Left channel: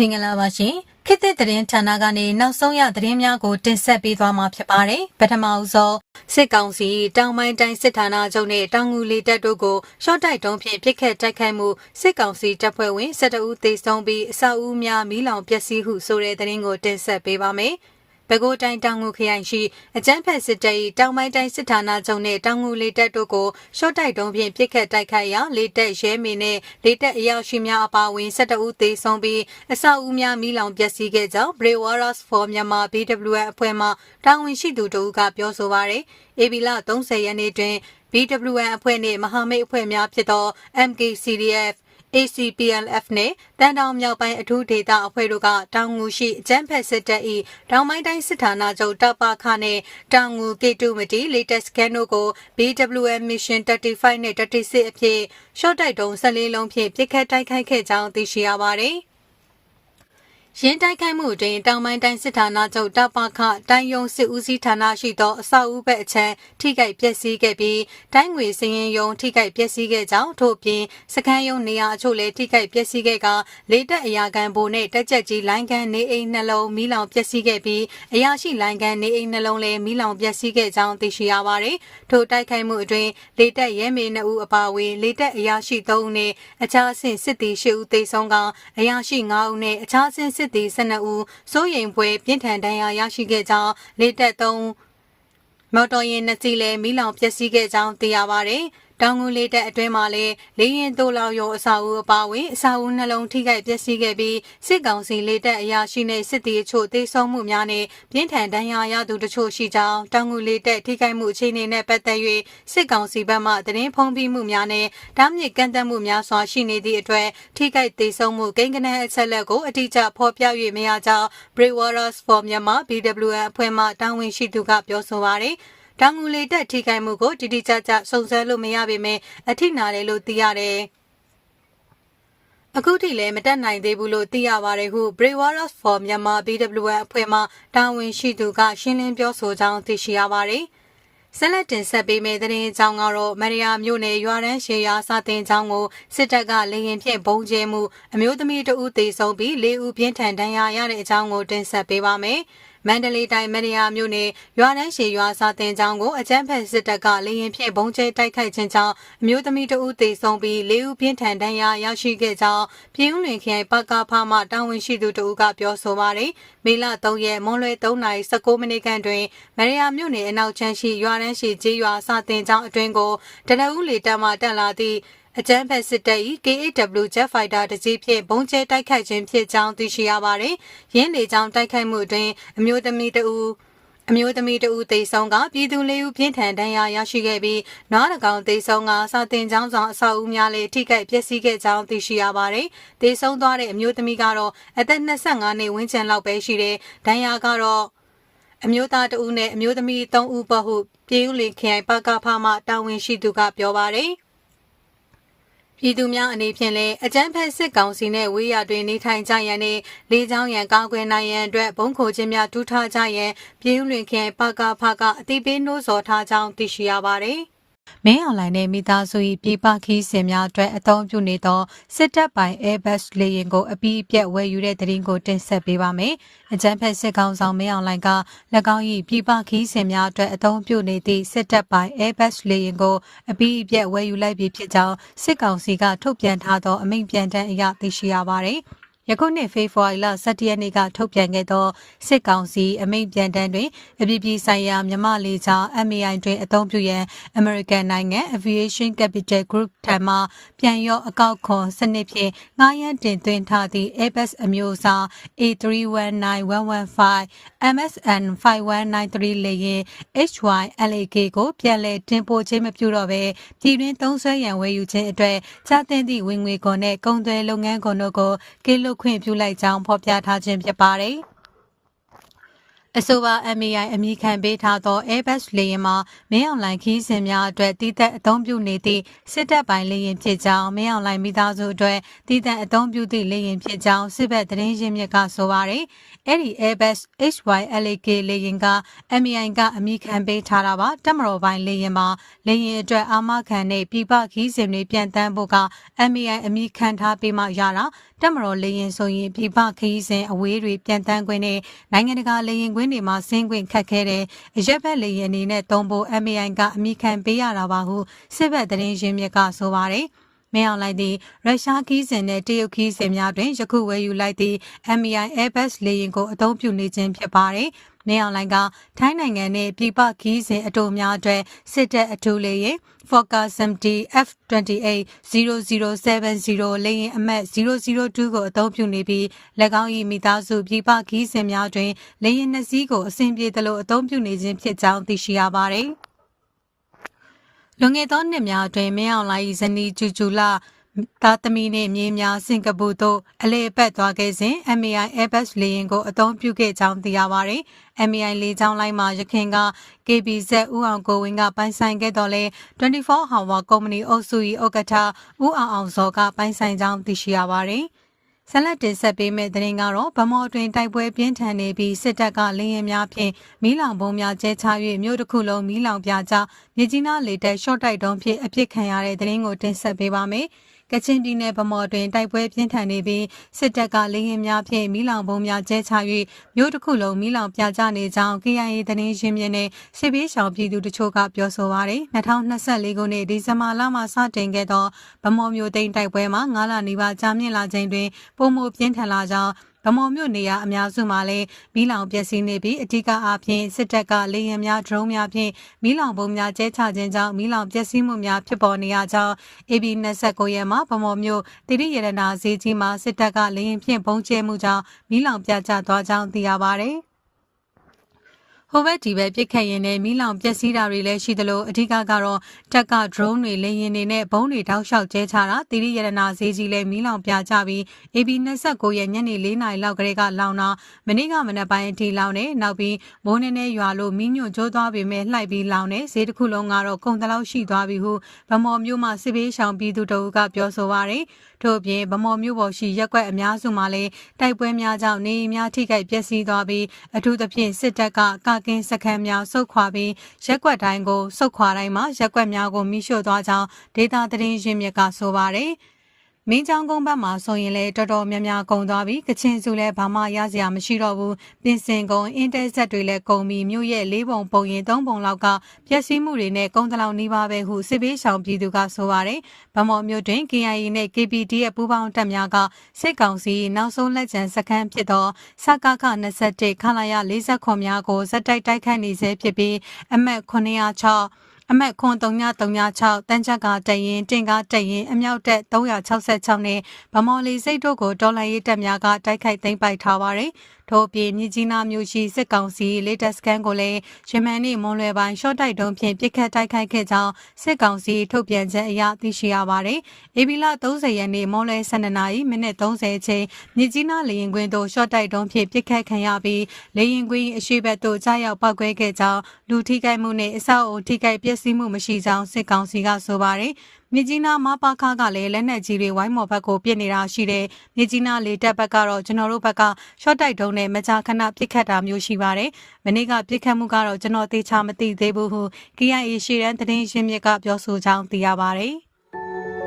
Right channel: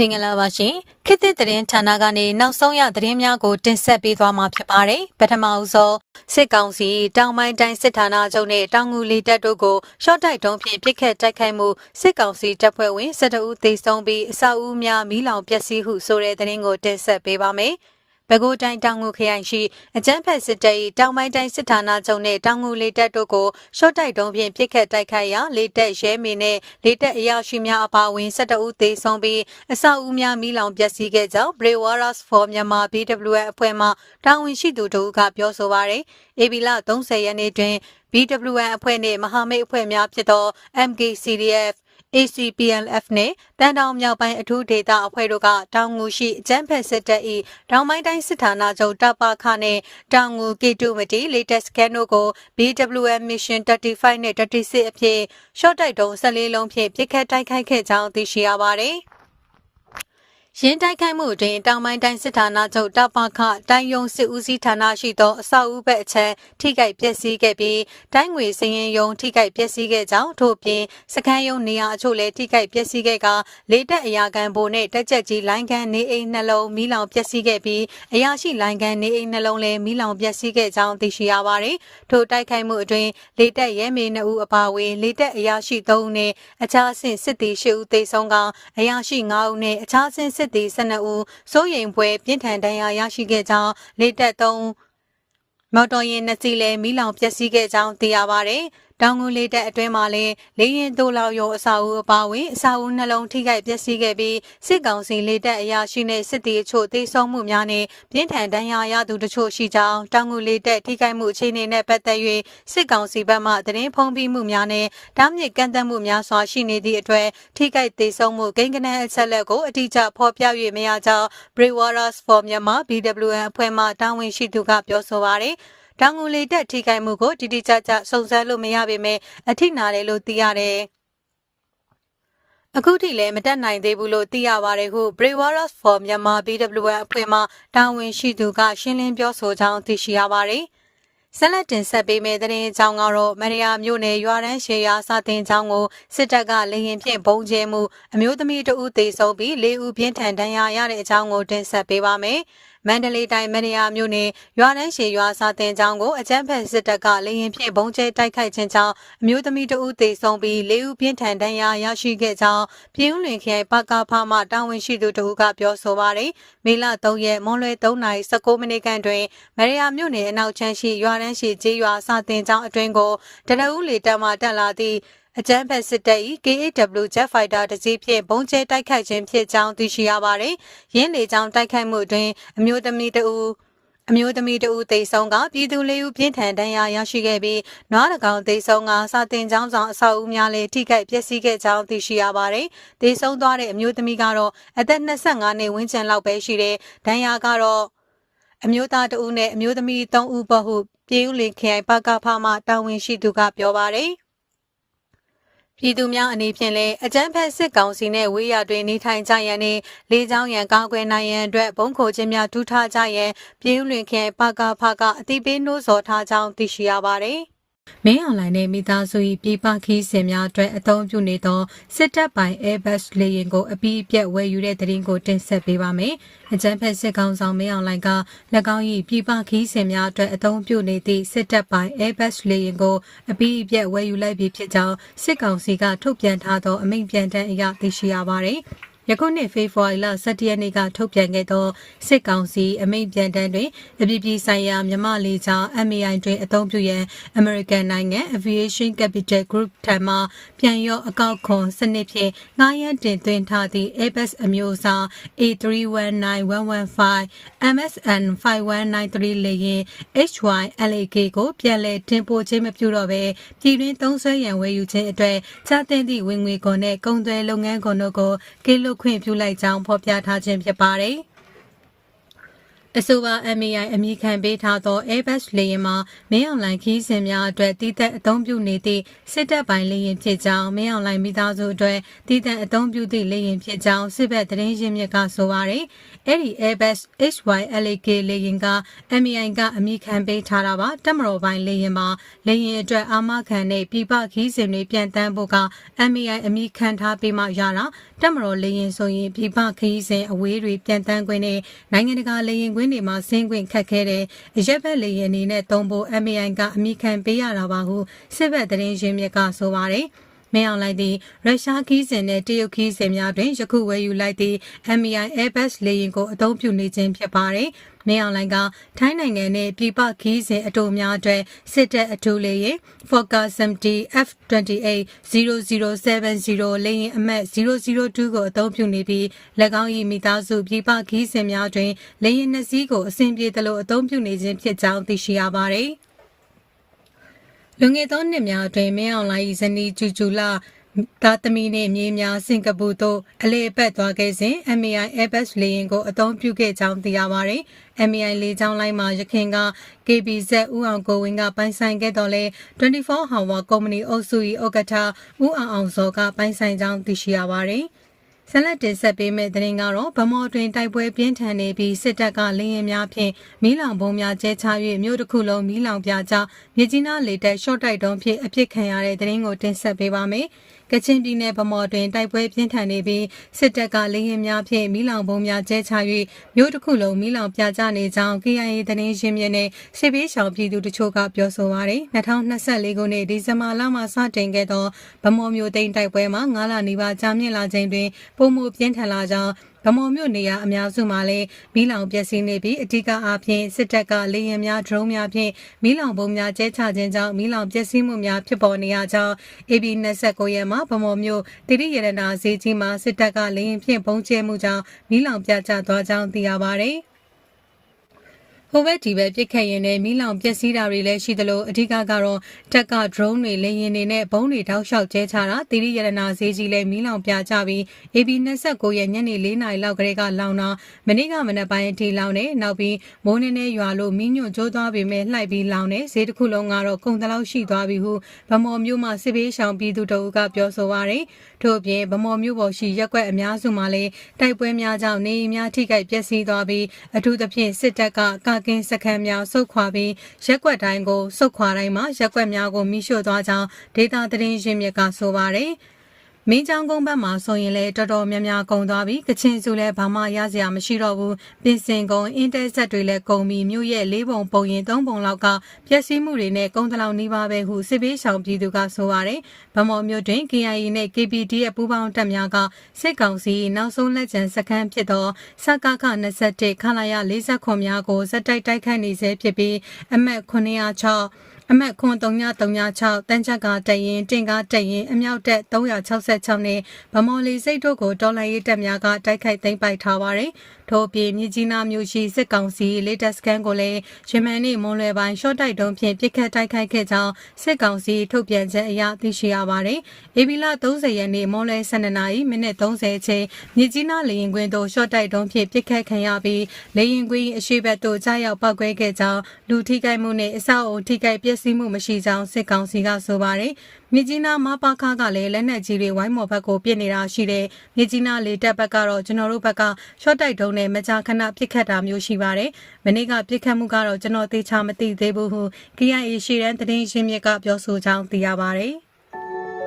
မင်္ဂလာပါရှင်ခေတ်သစ်သတင်းဌာနကနေနောက်ဆုံးရသတင်းများကိုတင်ဆက်ပေးသွားမှာဖြစ်ပါတယ်ပထမအဆုံးစစ်ကောင်စီတောင်ပိုင်းတိုင်းစစ်ဌာနချုပ်နဲ့တောင်ငူလီတပ်တို့ကိုရှော့တိုက်တုံးဖြင့်ပစ်ခတ်တိုက်ခိုက်မှုစစ်ကောင်စီတပ်ဖွဲ့ဝင်12ဦးသေဆုံးပြီးအဆောက်အဦများမီးလောင်ပျက်စီးဟုဆိုတဲ့သတင်းကိုတင်ဆက်ပေးပါမယ် ပဲခူးတိုင်းတောင်ငူခရိုင်ရှိအကြမ်းဖက်စစ်တပ်၏တောင်ပိုင်းတိုင်းစစ်ဌာနချုပ်နှင့်တောင်ငူလေတပ်တို့ကိုရှော့တိုက်တုံးဖြင့်ပစ်ခတ်တိုက်ခိုက်ရာလေတပ်ရဲမင်းနှင့်လေတပ်အရာရှိများအပါအဝင်12ဦးသေဆုံးပြီးအဆောက်အဦများမီးလောင်ပျက်စီးခဲ့ကြောင်း Brave Warriors for Myanmar BWF အဖွဲ့မှတာဝန်ရှိသူတို့ကပြောဆိုပါရယ်။ AB လ30ရက်နေ့တွင် BWN အဖွဲ့နှင့်မဟာမိတ်အဖွဲ့များဖြစ်သော MKCDF ACPLF နှင့်တန်တောင်မြောက်ပိုင်းအထူးဒေသအဖွဲ့တို့ကတောင်ငူရှိအကြမ်းဖက်စစ်တပ်၏တောင်ပိုင်းတိုင်းစစ်ဌာနချုပ်တပ်ပခနှင့်တောင်ငူကေတူမတီ latest scan တို့ကို BWM mission 35နှင့်36အဖြစ်ရှော့တိုက်တုံး14လုံးဖြင့်ပြစ်ခတ်တိုက်ခိုက်ခဲ့ကြောင်းသိရှိရပါသည်။ ရင်းတိုက်ခိုက်မှုတွင်တောင်ပိုင်းတိုင်းစစ်ဌာနချုပ်တပခတိုင်းယုံစစ်ဦးစီးဌာနရှိသောအဆောက်အဦဘက်အချက်ထိခိုက်ပျက်စီးခဲ့ပြီးတိုင်းငွေစည်ရင်ယုံထိခိုက်ပျက်စီးခဲ့ကြောင်းထို့ပြင်စခန်းယုံနေရာအချို့လည်းထိခိုက်ပျက်စီးခဲ့ကလေတက်အရာခံဘိုနှင့်တက်ကြက်ကြီးလိုင်းကန်နေအိမ်နှလုံးမီးလောင်ပျက်စီးခဲ့ပြီးအရာရှိလိုင်းကန်နေအိမ်နှလုံးလည်းမီးလောင်ပျက်စီးခဲ့ကြောင်းသိရှိရပါသည်ထိုတိုက်ခိုက်မှုအတွင်းလေတက်ရဲမေ2ဦးအပါအဝင်လေတက်အရာရှိ3ဦးနှင့်အခြားအဆင့်စစ်သည်10ဦးသေဆုံးကအရာရှိ9ဦးနှင့်အခြားအဆင့်စစ်သည်12ဦးစိုးရိမ်ပွဲပြင်းထန်ဒဏ်ရာရရှိခဲ့ကြောင်းလေတက်3မော်တော်ယာဉ်နှစ်စီးလည်းမိလောင်ပျက်စီးခဲ့ကြောင်းသိရပါဗျ။ တောင်ငူလေးတပ်အတွင်းမှာလည်းလေရင်တိုးလောက်ရောအစာအုပ်အပါဝင်အစာအုပ်နှလုံးထိခိုက်ပျက်စီးခဲ့ပြီးစစ်ကောင်စီလေးတပ်အရာရှိနဲ့စစ်တီအချို့သေဆုံးမှုများနဲ့ပြင်းထန်ဒဏ်ရာရသူတချို့ရှိကြောင်းတောင်ငူလေးတပ်ထိခိုက်မှုအခြေအနေနဲ့ပတ်သက်၍စစ်ကောင်စီဘက်မှသတင်းဖုံးပြမှုများနဲ့တားမြစ်ကန့်သတ်မှုများစွာရှိနေသည့်အတွက်ထိခိုက်သေဆုံးမှုကိန်းဂဏန်းအချက်လက်ကိုအတိအကျဖော်ပြ၍မရကြောင်း Brave Warriors for Myanmar BWN အဖွဲ့မှတာဝန်ရှိသူကပြောဆိုပါရယ် တောင်ငူလေတက်ထိခိုက်မှုကိုတိတိကျကျစုံစမ်းလို့မရပေမဲ့အထိနာတယ်လို့သိရတယ်။အခုထိလည်းမတက်နိုင်သေးဘူးလို့သိရပါတယ်ဟု Brewarers for Myanmar BWN အဖွဲ့မှတာဝန်ရှိသူကရှင်းလင်းပြောဆိုကြောင်းသိရှိရပါတယ်။ဆက်လက်တင်ဆက်ပေးမယ့်သတင်းအကြောင်းကတော့မရယာမြို့နယ်ရွာရန်ရှေယာစာတင်ကျောင်းကိုစစ်တပ်ကလေရင်ဖြင့်ပုံကျဲမှုအမျိုးသမီးတဦးသေဆုံးပြီး၄ဦးပြင်းထန်ဒဏ်ရာရတဲ့အကြောင်းကိုတင်ဆက်ပေးပါမယ်။ မန္တလေးတိုင်းမရယာမြို့နယ်ရွာနှန်းရှည်ရွာစာတင်ကျောင်းကိုအကြမ်းဖက်စစ်တပ်ကလေရင်ဖြင့်ဘုံကျဲတိုက်ခိုက်ခြင်းကြောင့်အမျိုးသမီးတဦးသေဆုံးပြီး၄ဦးပြင်းထန်ဒဏ်ရာရရှိခဲ့ကြောင်းပြည်ဦးလွင်ခရိုင်ပကဖမှတာဝန်ရှိသူတဦးကပြောဆိုပါတယ်။မေလ3ရက်မွန်းလွဲ3:19မိနစ်ခန့်တွင်မရယာမြို့နယ်အနောက်ချမ်းရှိရွာနှန်းရှည်ကျေးရွာစာတင်ကျောင်းအတွင်းကိုတနအူးလေတပ်မှတက်လာသည့် အကြမ်းဖက်စစ်တပ်၏ KAW Jet Fighter တစ်စီးဖြင့်ဘုံကျဲတိုက်ခိုက်ခြင်းဖြစ်ကြောင်းသိရှိရပါတယ်။ရင်းလေကြောင်းတိုက်ခိုက်မှုတွင်အမျိုးသမီးတဦးအမျိုးသမီးတဦးသေဆုံးကပြည်သူလေးဦးပြင်းထန်ဒဏ်ရာရရှိခဲ့ပြီးနွားတကောင်သေဆုံးကစာတင်ကျောင်းဆောင်အဆောက်အဦများလည်းထိခိုက်ပျက်စီးခဲ့ကြောင်းသိရှိရပါတယ်။သေဆုံးသွားတဲ့အမျိုးသမီးကတော့အသက်25နှစ်ဝန်းကျင်လောက်ပဲရှိတဲ့ဒဏ်ရာကတော့အမျိုးသားတဦးနဲ့အမျိုးသမီး3ဦးပေါ့ဟုပြည်ဦးလင်ခရိုင်ပကဖမှတာဝန်ရှိသူကပြောပါတယ်။ ပြည်သူများအနေဖြင့်လည်းအကြမ်းဖက်စစ်ကောင်စီနှင့်ဝေးရတွင်နေထိုင်ကြရန်နှင့်လေးချောင်းရန်ကောင်းကွယ်နိုင်ရန်အတွက်ဘုံခိုခြင်းများထူထားကြရန်ပြည်ဦးလွင်ခင်ပကဖကအတိပေးနှိုးဆော်ထားကြောင်းသိရှိရပါသည်။ မင်းအွန်လိုင်းနဲ့မိသားစု၏ပြည်ပခီးစဉ်များအတွက်အသုံးပြုနေသောစစ်တပ်ပိုင် Airbus လေယာဉ်ကိုအပြီးအပြတ်ဝယ်ယူတဲ့သတင်းကိုတင်ဆက်ပေးပါမယ်။အကြံဖက်စစ်ကောင်ဆောင်မင်းအွန်လိုင်းက၎င်း၏ပြည်ပခီးစဉ်များအတွက်အသုံးပြုနေသည့်စစ်တပ်ပိုင် Airbus လေယာဉ်ကိုအပြီးအပြတ်ဝယ်ယူလိုက်ပြီဖြစ်ကြောင်းစစ်ကောင်စီကထုတ်ပြန်ထားသောအမိန့်ပြန်တမ်းအရသိရှိရပါသည်။ ယခုနှစ်ဖေဖော်ဝါရီလ17ရက်နေ့ကထုတ်ပြန်ခဲ့သောစစ်ကောင်စီအမိန့်ပြန်တမ်းတွင်အပြည်ပြည်ဆိုင်ရာမြမလေးချောင်း MAI တွင်အသုံးပြုရန် American နိုင်ငံ Aviation Capital Group ထံမှပြန်ရော့အကောက်ခွန်စနစ်ဖြင့်ငှားရမ်းတင်သွင်းထားသည့် Airbus အမျိုးအစား A319115 MSN 5193လေယာဉ် HYLAK ကိုပြန်လည်တင်ပို့ခြင်းမပြုတော့ဘဲပြည်တွင်းသုံးစွဲရန်ဝယ်ယူခြင်းအတွက်ချသင့်သည့်ဝင်ငွေခွန်နှင့်ကုန်သွယ်လုပ်ငန်းခွန်တို့ကိုကေလွတ်ခွင့်ပြုလိုက်ကြောင်းဖော်ပြထားခြင်းဖြစ်ပါတယ်။အဆိုပါ MAI အမိခံပေးထားသော Airbus လေယာဉ်မှာမင်းအောင်လှိုင်ခီးစဉ်များအတွက်တည်သက်အသုံးပြုနေသည့်စစ်တပ်ပိုင်းလေယာဉ်ဖြစ်ကြောင်းမင်းအောင်လှိုင်မိသားစုအတွက်တည်သက်အသုံးပြုသည့်လေယာဉ်ဖြစ်ကြောင်းစစ်ဘက်သတင်းရင်းမြစ်ကဆိုပါရယ် အဲ့ဒီ Airbus HYLK လေယာဉ်က MAI ကအမိခံပေးထားတာပါတက်မတော်ပိုင်းလေယာဉ်မှာလေယာဉ်အတွက်အာမခံနဲ့ပြပခီးစဉ်တွေပြန်တန်းဖို့က MAI အမိခံထားပေးမှရတာတက်မတော်လေယာဉ်ဆိုရင်ပြပခီးစဉ်အဝေးတွေပြန်တန်းခွင့်နဲ့နိုင်ငံတကာလေယာဉ်ကွင်းတွေမှာဆင်းခွင့်ခက်ခဲတဲ့အရက်ဘက်လေယာဉ်အနေနဲ့တုံးဖို့ MAI ကအမိခံပေးရတာပါဟုစစ်ဘက်သတင်းရင်းမြစ်ကဆိုပါတယ် မင်းအောင်လိုက်သည့်ရုရှားခီးစဉ်နဲ့တရုတ်ခီးစဉ်များတွင်ယခုဝယ်ယူလိုက်သည့် MAI Airbus လေယာဉ်ကိုအသုံးပြုနေခြင်းဖြစ်ပါတယ်။မင်းအောင်လိုင်ကထိုင်းနိုင်ငံနဲ့ပြည်ပခီးစဉ်အတူများအတွက်စစ်တပ်အထူးလေယာဉ် Fokker 70 F28 0070လေယာဉ်အမှတ်002ကိုအသုံးပြုနေပြီး၎င်း၏မိသားစုပြည်ပခီးစဉ်များတွင်လေယာဉ်နှစ်စီးကိုအဆင်ပြေသလိုအသုံးပြုနေခြင်းဖြစ်ကြောင်းသိရှိရပါတယ်။ လွန်ခဲ့သောနှစ်များအတွင်းမင်းအောင်လှိုင်၏ဇနီးကျူကျူလာသားသမီးနှင့်မြေးများစင်ကာပူသို့အလေအပတ်သွားခဲ့စဉ် MAI Airbus လေယာဉ်ကိုအသုံးပြုခဲ့ကြောင်းသိရပါသည်။ MAI လေကြောင်းလိုင်းမှာရခင်က KBZ ဦးအောင်ကိုဝင်းကပိုင်ဆိုင်ခဲ့တော်လဲ24 Hour ကုမ္ပဏီအုပ်စု၏ဥက္ကဋ္ဌဦးအောင်အောင်စောကပိုင်ဆိုင်ကြောင်းသိရှိရပါသည်။ ဆက်လက်တင်ဆက်ပေးမယ့်သတင်းကတော့ဗမော်တွင်တိုက်ပွဲပြင်းထန်နေပြီးစစ်တပ်ကလင်းရင်များဖြင့်မီးလောင်ပုံများကျဲချ၍မြို့တစ်ခုလုံးမီးလောင်ပြကြောင်းမြကြီးနားလေတပ်ရှော့တိုက်တုံးဖြင့်အပြစ်ခံရတဲ့သတင်းကိုတင်ဆက်ပေးပါမယ်။ ကချင်ပြည်နယ်ဗမော်တွင်တိုက်ပွဲပြင်းထန်နေပြီးစစ်တပ်ကလေရင်များဖြင့်မီးလောင်ပုံများကျဲချ၍မြို့တစ်ခုလုံးမီးလောင်ပြကြနေကြောင်း KIA သတင်းရင်းမြစ်နဲ့စစ်ပေးရှောင်ပြည်သူတို့ချို့ကပြောဆိုပါရယ်2024ခုနှစ်ဒီဇင်ဘာလမှစတင်ခဲ့သောဗမော်မြို့သိမ်းတိုက်ပွဲမှာ9လနီးပါးကြာမြင့်လာချိန်တွင်ပုံမပြင်းထန်လာကြောင်း ဗမော်မြို့နေရာအများစုမှာလည်းမီးလောင်ပျက်စီးနေပြီးအ धिक အားဖြင့်စစ်တပ်ကလေယာဉ်များဒရုန်းများဖြင့်မီးလောင်ပုံများကျဲချခြင်းကြောင့်မီးလောင်ပျက်စီးမှုများဖြစ်ပေါ်နေရကြောင်း AB 29ရက်မှာဗမော်မြို့တိရိရတနာဈေးကြီးမှာစစ်တပ်ကလေယာဉ်ဖြင့်ပုံကျဲမှုကြောင့်မီးလောင်ပြကျသွားကြောင်းသိရပါဗျ။ ဟိုဘက်ဒီဘက်ပြစ်ခတ်ရင်လည်းမီးလောင်ပျက်စီးတာတွေလည်းရှိသလိုအဓိကကတော့တက်က drone တွေလေရင်တွေနဲ့ဘုံတွေတောက်လျှောက်ကျဲချတာတိရိယရနာဈေးကြီးလည်းမီးလောင်ပြကြပြီး AB 29ရက်ညနေ4နာရီလောက်ကလေးကလောင်တာမနေ့ကမနက်ပိုင်းအထိလောင်နေနောက်ပြီးမိုးနေနေရွာလို့မီးညွန့်ကျိုးသွားပေမဲ့လှိုက်ပြီးလောင်နေဈေးတစ်ခုလုံးကတော့ကုန်တလောက်ရှိသွားပြီဟုဗမော်မျိုးမှစစ်ပေးရှောင်ပြည်သူတို့ကပြောဆိုပါရယ်ထို့အပြင်ဗမော်မျိုးပေါ်ရှိရက်ွက်အများစုမှာလည်းတိုက်ပွဲများကြောင့်နေအိမ်များထိခိုက်ပျက်စီးသွားပြီးအထူးသဖြင့်စစ်တပ်ကကာကင်းစခန်းများစုခွာပြီးရက်ွက်တိုင်းကိုစုခွာတိုင်းမှာရက်ွက်များကိုမိရှို့သွားကြောင်းဒေတာသတင်းရင်းမြစ်ကဆိုပါတယ်။ မင်းချောင်းကုန်းဘက်မှာဆိုရင်လည်းတော်တော်များများကုန်သွားပြီကချင်စုလည်းဘာမှရစရာမရှိတော့ဘူးပင်စင်ကုန်းအင်တာဆက်တွေလည်းကုန်ပြီမြို့ရဲ့လေးပုံပုံရင်သုံးပုံလောက်ကပျက်စီးမှုတွေနဲ့ကုန်တလောက်နှီးပါပဲဟုစစ်ပေးဆောင်ပြည်သူကဆိုပါတယ်ဗမော်မြို့တွင် KIA နဲ့ KPD ရဲ့ပူးပေါင်းတပ်များကစစ်ကောင်စီနောက်ဆုံးလက်ကျန်စခန်းဖြစ်သောစကခ21ခလာရ49များကိုဇက်တိုက်တိုက်ခတ်နေဆဲဖြစ်ပြီးအမှတ်906 အမတ်ခွန်3336တန်းချက်ကတရင်တင်ကားတရင်အမြောက်တက်366နဲ့ဗမော်လီစိတ်တို့ကိုတော်လှန်ရေးတပ်များကတိုက်ခိုက်သိမ်းပိုက်ထားပါတယ်။ ထို့အပြင်မြကြီးနားမြို့ရှိစစ်ကောင်စီလေတပ်စခန်းကိုလည်းယမန်နေ့မွန်လွယ်ပိုင်းရှော့တိုက်တုံးဖြင့်ပစ်ခတ်တိုက်ခိုက်ခဲ့ကြောင်းစစ်ကောင်စီထုတ်ပြန်ချက်အရသိရှိရပါတယ်။ဧပြီလ30ရက်နေ့မွန်လွယ်12နာရီမိနစ်30အချိန်မြကြီးနားလေရင်ကွင်းသို့ရှော့တိုက်တုံးဖြင့်ပစ်ခတ်ခံရပြီးလေရင်ကွင်းအရှိဘက်သို့ကြားရောက်ပောက်ကွဲခဲ့ကြောင်းလူထိခိုက်မှုနဲ့အဆောက်အုံထိခိုက်ပျက်စီးမှုမရှိကြောင်းစစ်ကောင်စီကဆိုပါတယ်။ မြကြီးနားမပါခါကလည်းလက်နက်ကြီးတွေဝိုင်းမော်ဘက်ကိုပြစ်နေတာရှိတယ်။မြကြီးနားလေတပ်ဘက်ကတော့ကျွန်တော်တို့ဘက်ကရှော့တိုက်တုံးနဲ့မကြာခဏပြစ်ခတ်တာမျိုးရှိပါတယ်။မနေ့ကပြစ်ခတ်မှုကတော့ကျွန်တော်သေချာမသိသေးဘူးဟု KIA ရှေ့တန်းသတင်းရင်းမြစ်ကပြောဆိုကြောင်းသိရပါတယ်။